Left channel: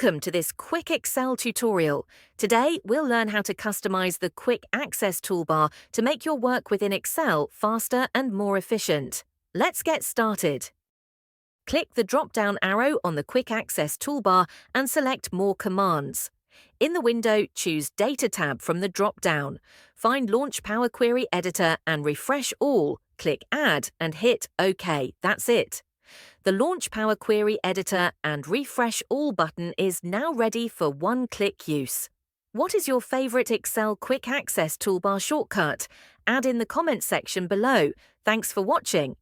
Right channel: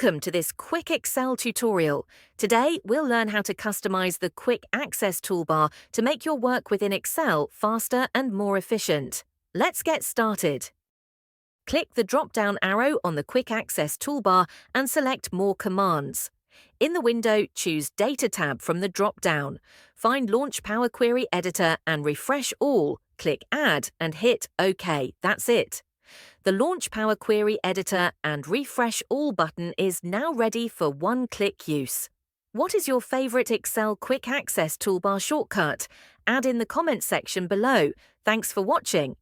Welcome to this quick Excel tutorial. Today, we'll learn how to customize the Quick Access Toolbar to make your work within Excel faster and more efficient. Let's get started. Click the drop-down arrow on the Quick Access Toolbar and select More Commands. In the window, choose Data tab from the drop-down. Find Launch Power Query Editor and refresh all. Click Add and hit OK. That's it. The Launch Power Query Editor and Refresh All button is now ready for one-click use. What is your favorite Excel Quick Access Toolbar shortcut? Add in the comments section below. Thanks for watching.